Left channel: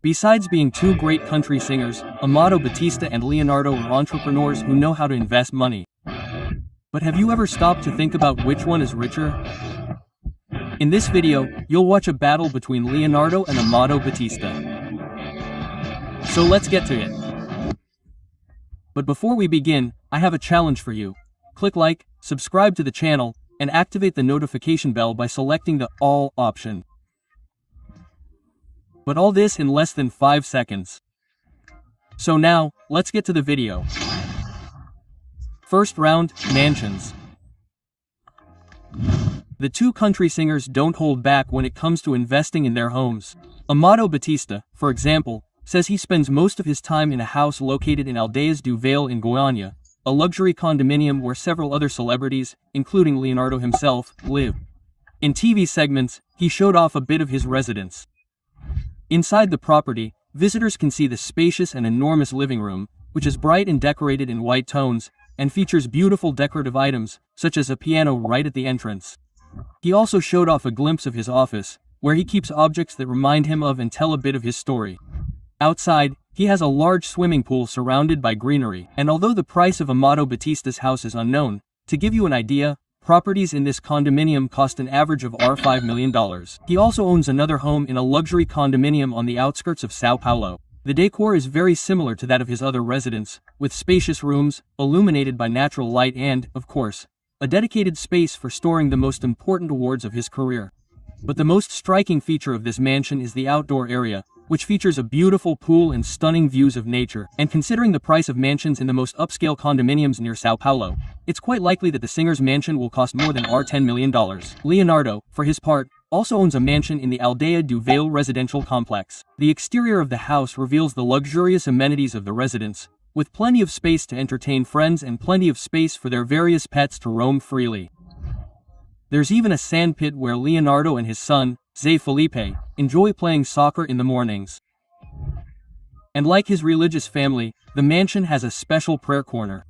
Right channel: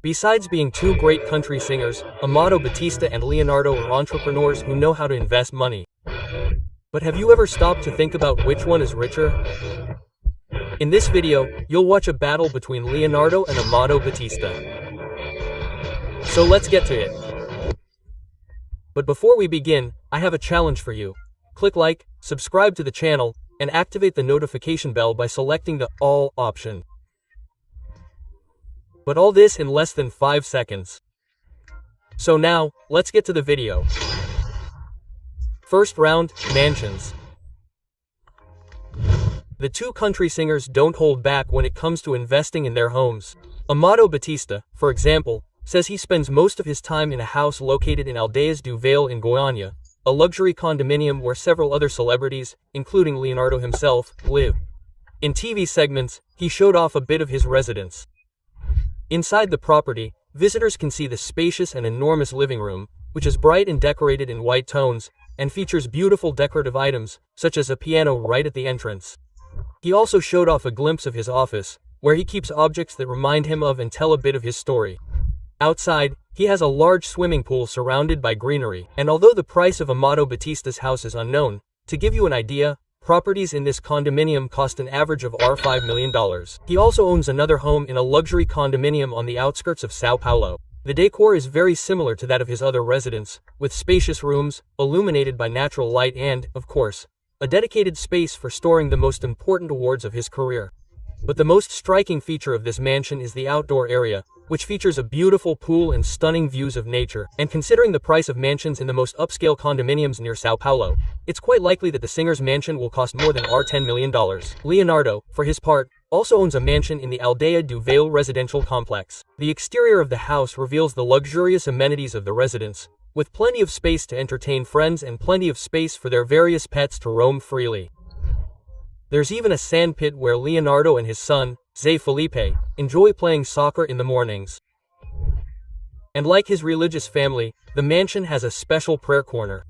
Besides being two great country singers, Amado Batista and Leonardo are entrepreneurs who know how to invest money. But have you ever stopped to think about which one is richer? In this video, you'll watch a battle between Leonardo and Amado Batista. So let's get to it. But before we begin, I have a challenge for you. Click like, subscribe to the channel, and activate the notification bell by selecting the All option. But all this in less than 5 seconds. So now, let's get to the video. First round, mansions. The two country singers don't hold back when it comes to investing in their homes. Amado Batista, for example, says he spends most of his time in a house located in Aldeias do Vale in Goiânia, a luxury condominium where several other celebrities, including Leonardo himself, live. In TV segments, he showed off a bit of his residence. Inside the property, visitors can see the spacious and enormous living room, which is bright and decorated in white tones, and features beautiful decorative items, such as a piano right at the entrance. He also showed off a glimpse of his office, where he keeps objects that remind him of and tell a bit of his story. Outside, he has a large swimming pool surrounded by greenery, and although the price of Amado Batista's house is unknown, to give you an idea, properties in this condominium cost an average of $5 million. He also owns another home in a luxury condominium on the outskirts of São Paulo. The decor is very similar to that of his other residence, with spacious rooms, illuminated by natural light and, of course, a dedicated space for storing the most important awards of his career. But the most striking feature of this mansion is the outdoor area, which features a beautiful pool and stunning views of nature. And considering the price of mansions in the most upscale condominiums near São Paulo, it's quite likely that the singer's mansion will cost more than $10 million. Leonardo, for his part, also owns a mansion in the Aldeia do Vale residential complex. The exterior of the house reveals the luxurious amenities of the residence, with plenty of space to entertain friends and plenty of space for their various pets to roam freely. There's even a sandpit where Leonardo and his son, Zé Felipe, enjoy playing soccer in the mornings. And like his religious family, the mansion has a special prayer corner.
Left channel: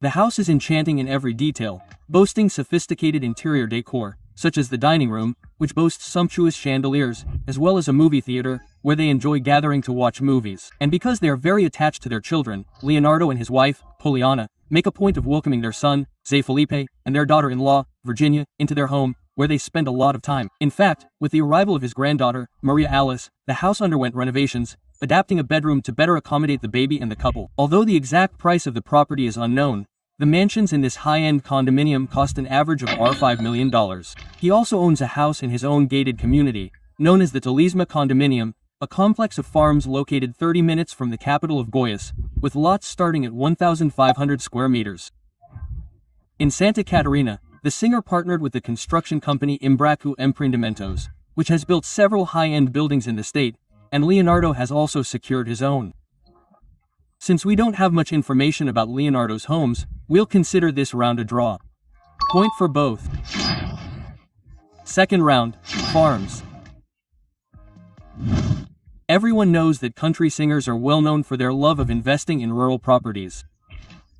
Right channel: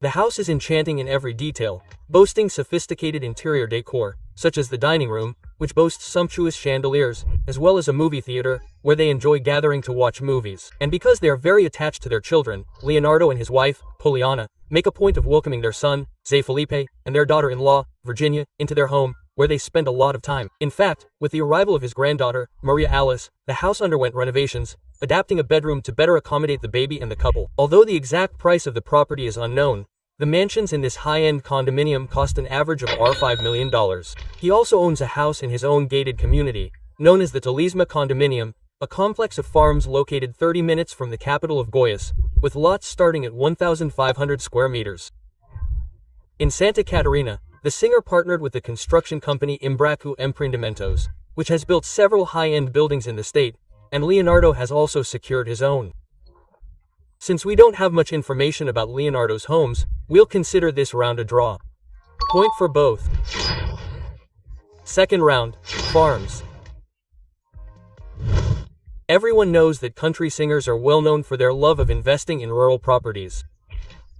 The house is enchanting in every detail, boasting sophisticated interior decor, such as the dining room, which boasts sumptuous chandeliers, as well as a movie theater, where they enjoy gathering to watch movies. And because they are very attached to their children, Leonardo and his wife, Poliana, make a point of welcoming their son, Zé Felipe, and their daughter-in-law, Virginia, into their home, where they spend a lot of time. In fact, with the arrival of his granddaughter, Maria Alice, the house underwent renovations, adapting a bedroom to better accommodate the baby and the couple. Although the exact price of the property is unknown, the mansions in this high-end condominium cost an average of $5 million. He also owns a house in his own gated community, known as the Talisma Condominium, a complex of farms located 30 minutes from the capital of Goiás, with lots starting at 1,500 square meters. In Santa Catarina, the singer partnered with the construction company Embraco Empreendimentos, which has built several high-end buildings in the state, and Leonardo has also secured his own. Since we don't have much information about Leonardo's homes, we'll consider this round a draw. Point for both. Second round, farms. Everyone knows that country singers are well known for their love of investing in rural properties.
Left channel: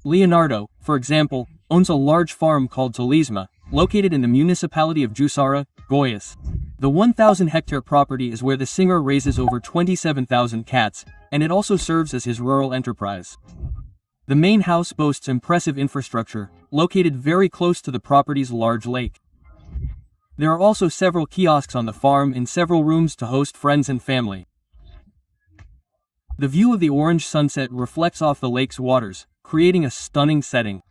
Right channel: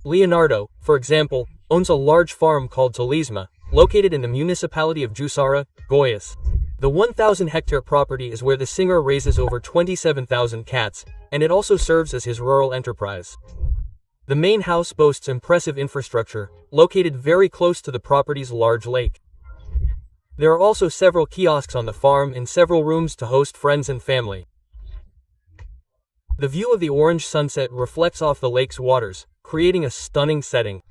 Leonardo, for example, owns a large farm called Talisma, located in the municipality of Jussara, Goiás. The 1,000-hectare property is where the singer raises over 27,000 cats, and it also serves as his rural enterprise. The main house boasts impressive infrastructure, located very close to the property's large lake. There are also several kiosks on the farm and several rooms to host friends and family. The view of the orange sunset reflects off the lake's waters, creating a stunning setting.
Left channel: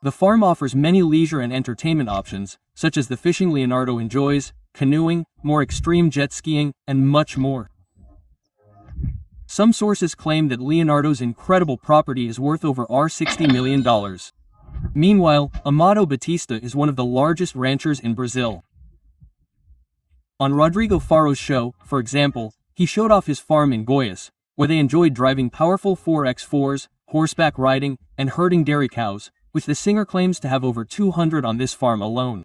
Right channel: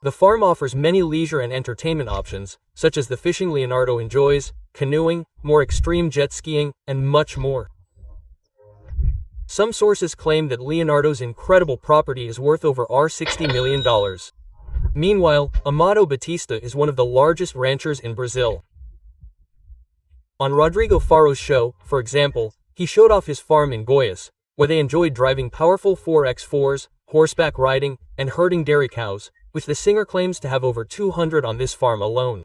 The farm offers many leisure and entertainment options, such as the fishing Leonardo enjoys, canoeing, more extreme jet skiing, and much more. Some sources claim that Leonardo's incredible property is worth over $60 million. Meanwhile, Amado Batista is one of the largest ranchers in Brazil. On Rodrigo Faro's show, for example, he showed off his farm in Goiás, where they enjoyed driving powerful 4x4s, horseback riding, and herding dairy cows, which the singer claims to have over 200 on this farm alone.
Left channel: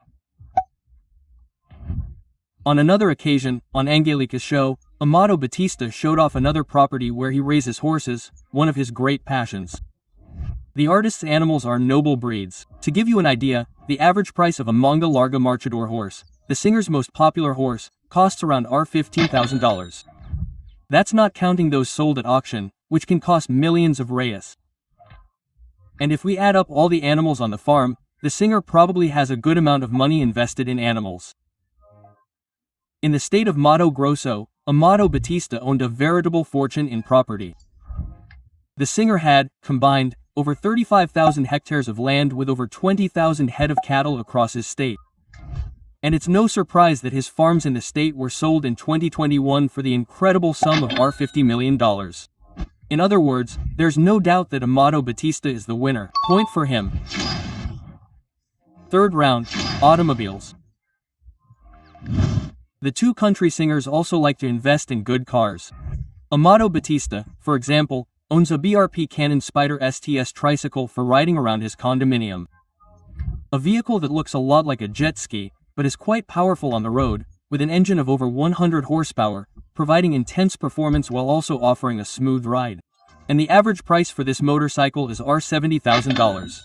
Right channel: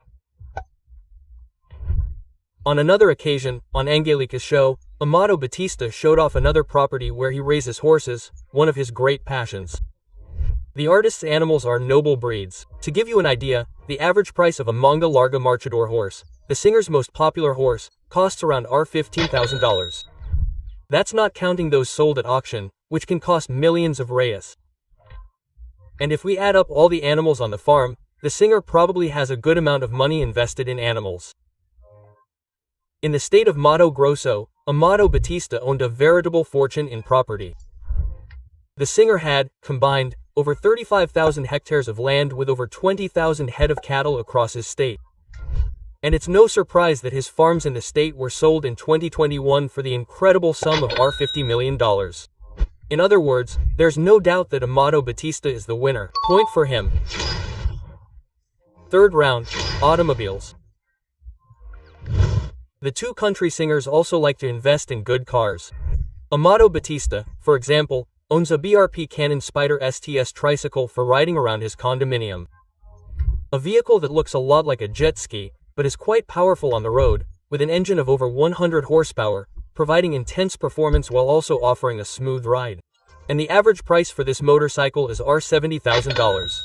On another occasion, on Angelica's show, Amado Batista showed off another property where he raises horses, one of his great passions. The artist's animals are noble breeds. To give you an idea, the average price of a Manga Larga Marchador horse, the singer's most popular horse, costs around $15,000. That's not counting those sold at auction, which can cost millions of reais. And if we add up all the animals on the farm, the singer probably has a good amount of money invested in animals. In the state of Mato Grosso, Amado Batista owned a veritable fortune in property. The singer had, combined, over 35,000 hectares of land with over 20,000 head of cattle across his state. And it's no surprise that his farms in the state were sold in 2021 for the incredible sum of $50 million. In other words, there's no doubt that Amado Batista is the winner. Point for him. Third round, automobiles. The two country singers also like to invest in good cars. Amado Batista, for example, owns a BRP Cannon Spyder STS tricycle for riding around his condominium. A vehicle that looks a lot like a jet ski, but is quite powerful on the road, with an engine of over 100 horsepower, providing intense performance while also offering a smooth ride. And the average price for this motorcycle is $70,000.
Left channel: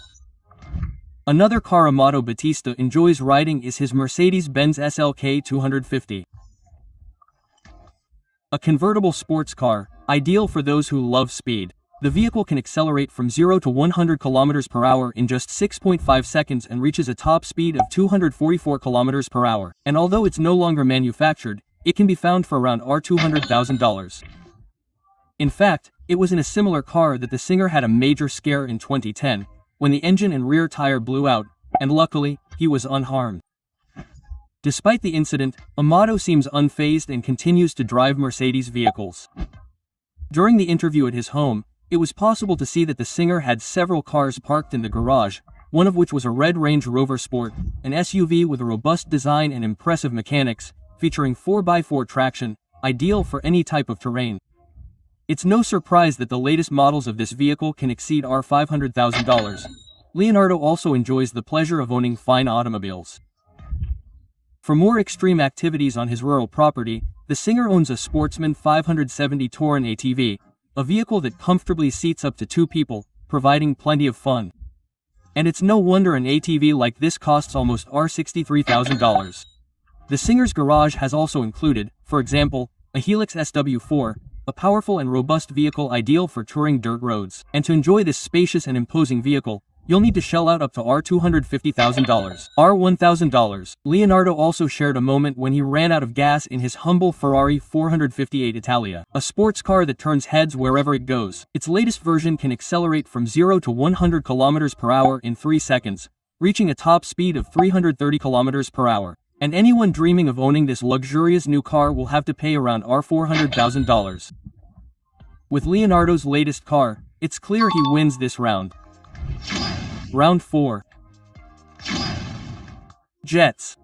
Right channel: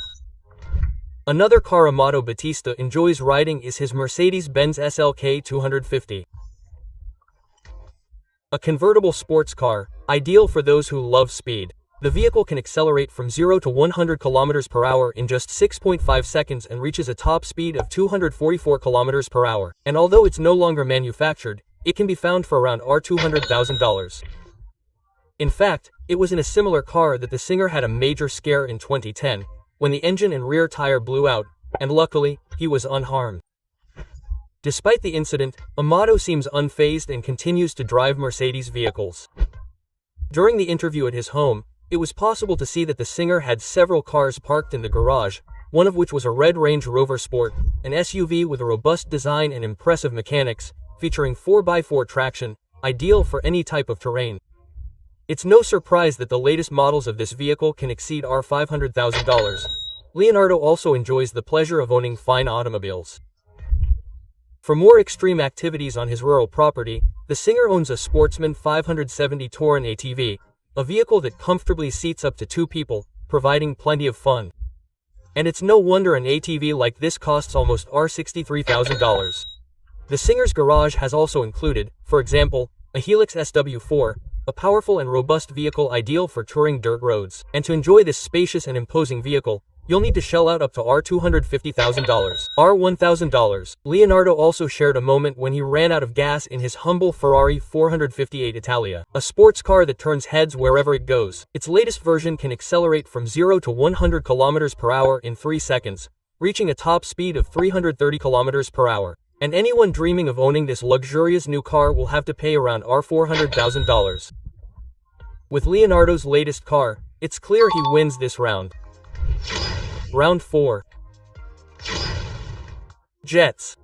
Another car Amado Batista enjoys riding is his Mercedes-Benz SLK 250. A convertible sports car, ideal for those who love speed. The vehicle can accelerate from 0 to 100 km per hour in just 6.5 seconds and reaches a top speed of 244 km per hour. And although it's no longer manufactured, it can be found for around $200,000. In fact, it was in a similar car that the singer had a major scare in 2010, when the engine and rear tire blew out, and luckily, he was unharmed. Despite the incident, Amado seems unfazed and continues to drive Mercedes vehicles. During the interview at his home, it was possible to see that the singer had several cars parked in the garage, one of which was a red Range Rover Sport, an SUV with a robust design and impressive mechanics, featuring 4x4 traction, ideal for any type of terrain. It's no surprise that the latest models of this vehicle can exceed $500,000. Leonardo also enjoys the pleasure of owning fine automobiles. For more extreme activities on his rural property, the singer owns a Sportsman 570 Touran ATV, a vehicle that comfortably seats up to 2 people, providing plenty of fun. And it's no wonder an ATV like this costs almost $63,000. The singer's garage has also included, for example, a Helix SW4, a powerful and robust vehicle ideal for touring dirt roads. And to enjoy this spacious and imposing vehicle, you'll need to shell out up to $250,000. $1,000. Leonardo also shared a moment when he ran out of gas in his humble Ferrari 458 Italia, a sports car that turns heads wherever it goes. Its latest version can accelerate from 0 to 100 km per hour in 3 seconds, reaching a top speed of 330 km per hour. And anyone dreaming of owning this luxurious new car will have to pay around $400,000. With Leonardo's latest car, it's clear he wins this round. Round 4. Jets.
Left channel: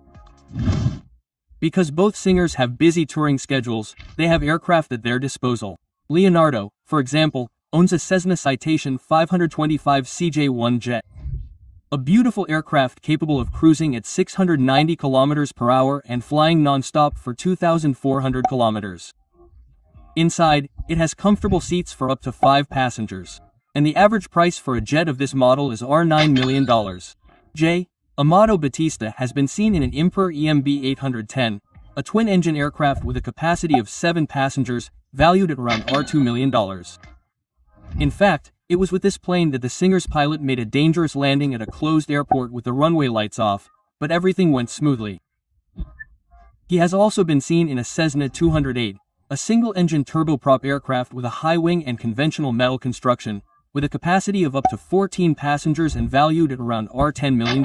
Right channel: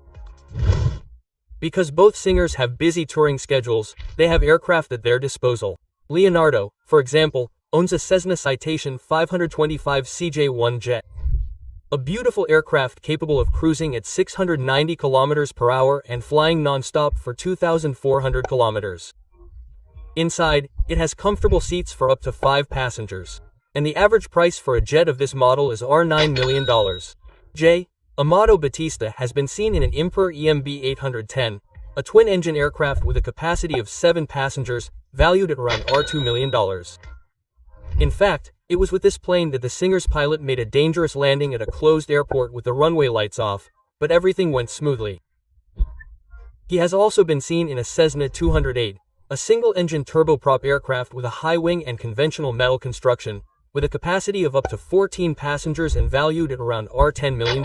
Because both singers have busy touring schedules, they have aircraft at their disposal. Leonardo, for example, owns a Cessna Citation 525 CJ-1 jet. A beautiful aircraft capable of cruising at 690 km per hour and flying non-stop for 2,400 kilometers. Inside, it has comfortable seats for up to 5 passengers. And the average price for a jet of this model is $9 million. Amado Batista has been seen in an Emperor EMB 810, a twin-engine aircraft with a capacity of 7 passengers, valued at around $2 million. In fact, it was with this plane that the singer's pilot made a dangerous landing at a closed airport with the runway lights off, but everything went smoothly. He has also been seen in a Cessna 208, a single-engine turboprop aircraft with a high wing and conventional metal construction, with a capacity of up to 14 passengers and valued at around $10 million.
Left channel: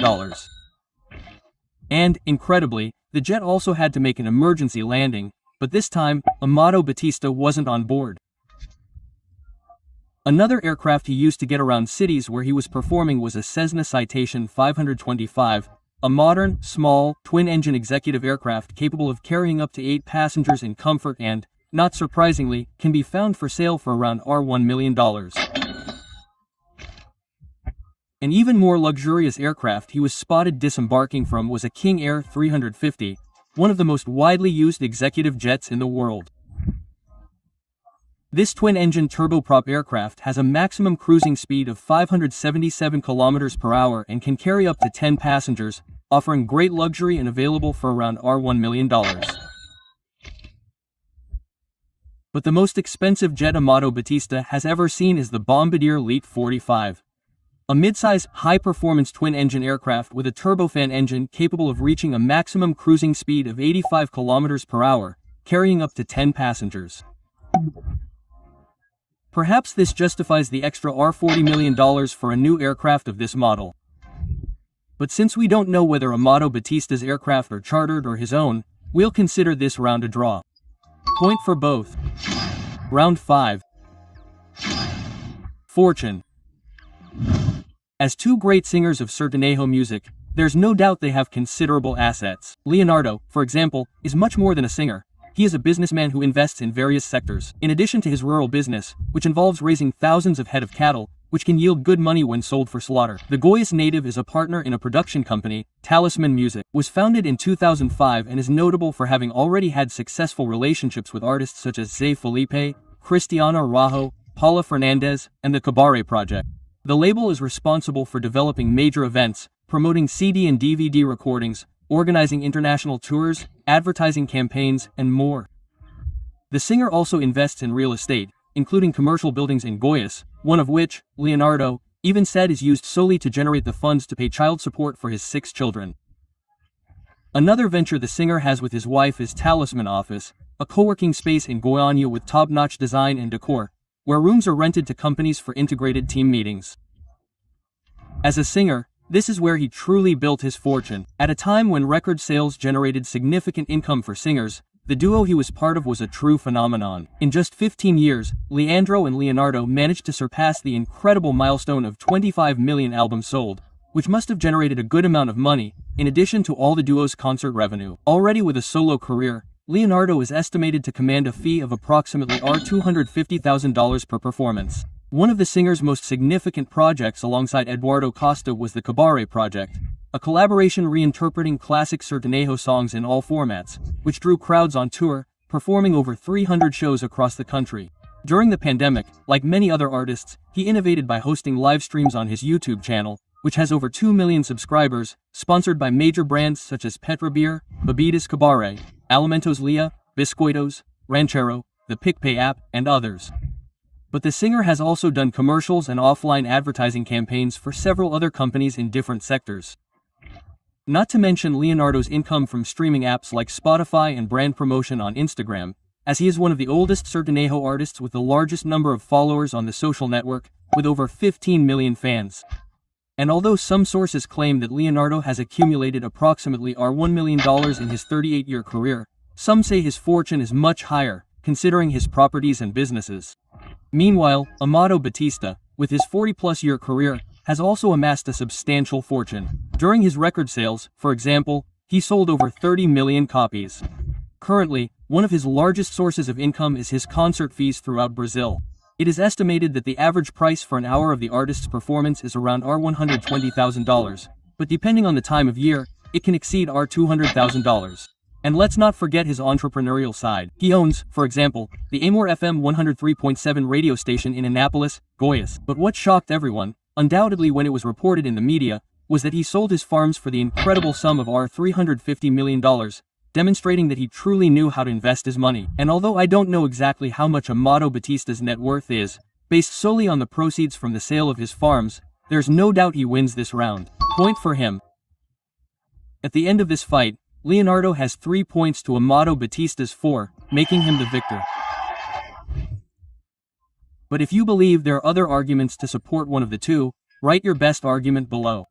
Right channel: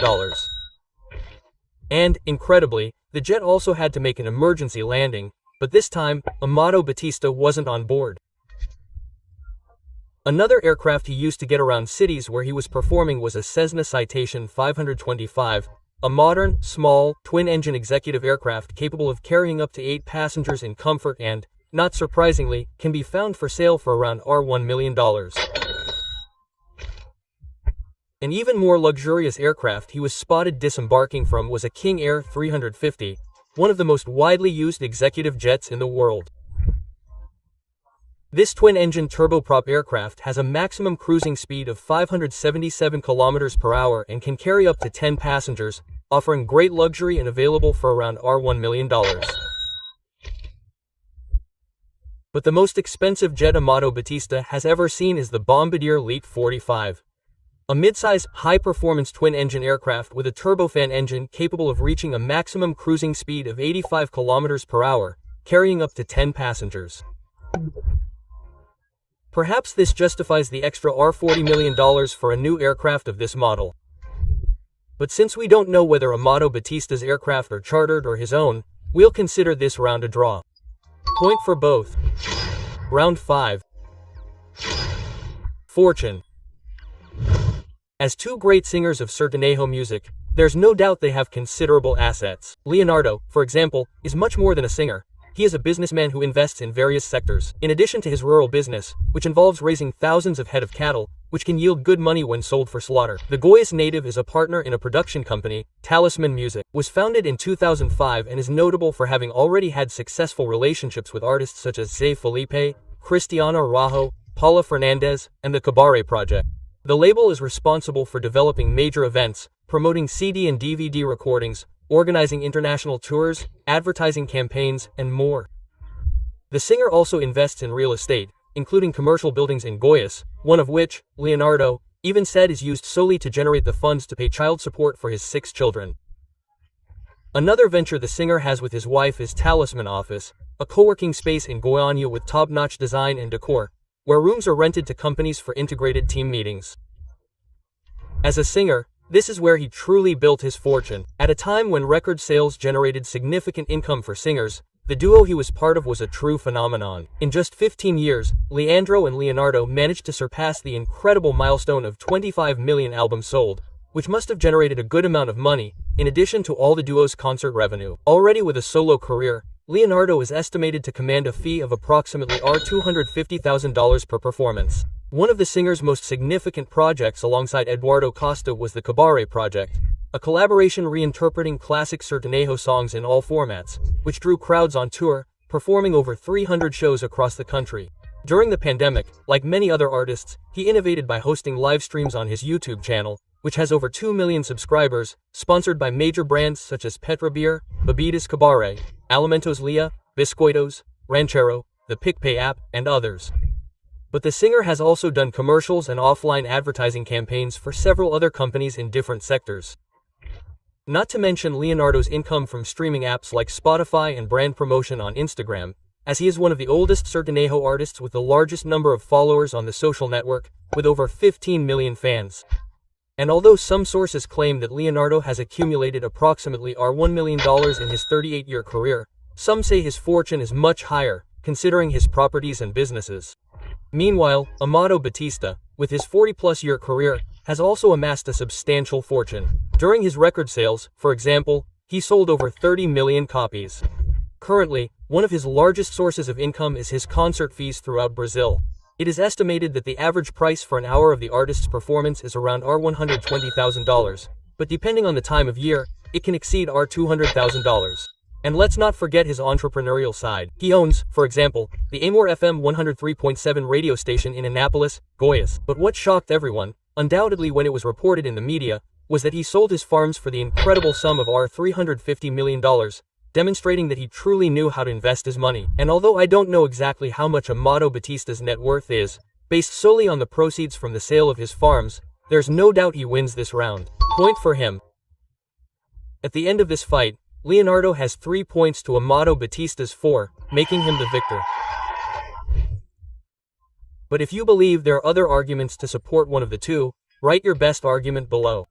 And, incredibly, the jet also had to make an emergency landing, but this time, Amado Batista wasn't on board. Another aircraft he used to get around cities where he was performing was a Cessna Citation 525, a modern, small, twin-engine executive aircraft capable of carrying up to 8 passengers in comfort and, not surprisingly, can be found for sale for around $1 million. An even more luxurious aircraft he was spotted disembarking from was a King Air 350, one of the most widely used executive jets in the world. This twin-engine turboprop aircraft has a maximum cruising speed of 577 km per hour and can carry up to 10 passengers, offering great luxury and available for around $1 million. But the most expensive jet Amato Battista has ever seen is the Bombardier LEAT 45. A mid-size, high-performance twin-engine aircraft with a turbofan engine capable of reaching a maximum cruising speed of 85 km per hour, carrying up to 10 passengers. Perhaps this justifies the extra $40 million for a new aircraft of this model. But since we don't know whether Amato Battista's aircraft are chartered or his own, we'll consider this round a draw. Point for both. Round 5. Fortune. As two great singers of sertanejo music, there's no doubt they have considerable assets. Leonardo, for example, is much more than a singer. He is a businessman who invests in various sectors. In addition to his rural business, which involves raising thousands of head of cattle, which can yield good money when sold for slaughter. The Goiás native is a partner in a production company, Talisman Music, was founded in 2005 and is notable for having already had successful relationships with artists such as Zé Felipe, Cristiano Araujo, Paula Fernandez, and the Cabaret Project. The label is responsible for developing major events, promoting CD and DVD recordings, organizing international tours, advertising campaigns, and more. The singer also invests in real estate, including commercial buildings in Goiás, one of which, Leonardo, even said is used solely to generate the funds to pay child support for his 6 children. Another venture the singer has with his wife is Talisman Office, a co-working space in Goiânia with top-notch design and decor, where rooms are rented to companies for integrated team meetings. As a singer, this is where he truly built his fortune. At a time when record sales generated significant income for singers, the duo he was part of was a true phenomenon. In just 15 years, Leandro and Leonardo managed to surpass the incredible milestone of 25 million albums sold, which must have generated a good amount of money, in addition to all the duo's concert revenue. Already with a solo career, Leonardo is estimated to command a fee of approximately $250,000 per performance. One of the singer's most significant projects alongside Eduardo Costa was the Cabaret Project, a collaboration reinterpreting classic sertanejo songs in all formats, which drew crowds on tour, performing over 300 shows across the country. During the pandemic, like many other artists, he innovated by hosting live streams on his YouTube channel, which has over 2 million subscribers, sponsored by major brands such as Petra Beer, Bebidas Cabaret, Alimentos Lia, Biscoitos, Ranchero, the PicPay app, and others. But the singer has also done commercials and offline advertising campaigns for several other companies in different sectors. Not to mention Leonardo's income from streaming apps like Spotify and brand promotion on Instagram, as he is one of the oldest sertanejo artists with the largest number of followers on the social network, with over 15 million fans. And although some sources claim that Leonardo has accumulated approximately $1 million in his 38-year career, some say his fortune is much higher, considering his properties and businesses. Meanwhile, Amato Battista, with his 40-plus-year career, has also amassed a substantial fortune. During his record sales, for example, he sold over 30 million copies. Currently, one of his largest sources of income is his concert fees throughout Brazil. It is estimated that the average price for an hour of the artist's performance is around $120,000, but depending on the time of year, it can exceed $200,000. And let's not forget his entrepreneurial side. He owns, for example, the Amor FM 103.7 radio station in Anápolis, Goiás. But what shocked everyone, undoubtedly when it was reported in the media, was that he sold his farms for the incredible sum of $350 million, demonstrating that he truly knew how to invest his money. And although I don't know exactly how much Amato Battista's net worth is, based solely on the proceeds from the sale of his farms, there's no doubt he wins this round. Point for him. At the end of this fight, Leonardo has 3 points to Amato Battista's 4, making him the victor. But if you believe there are other arguments to support one of the two, write your best argument below.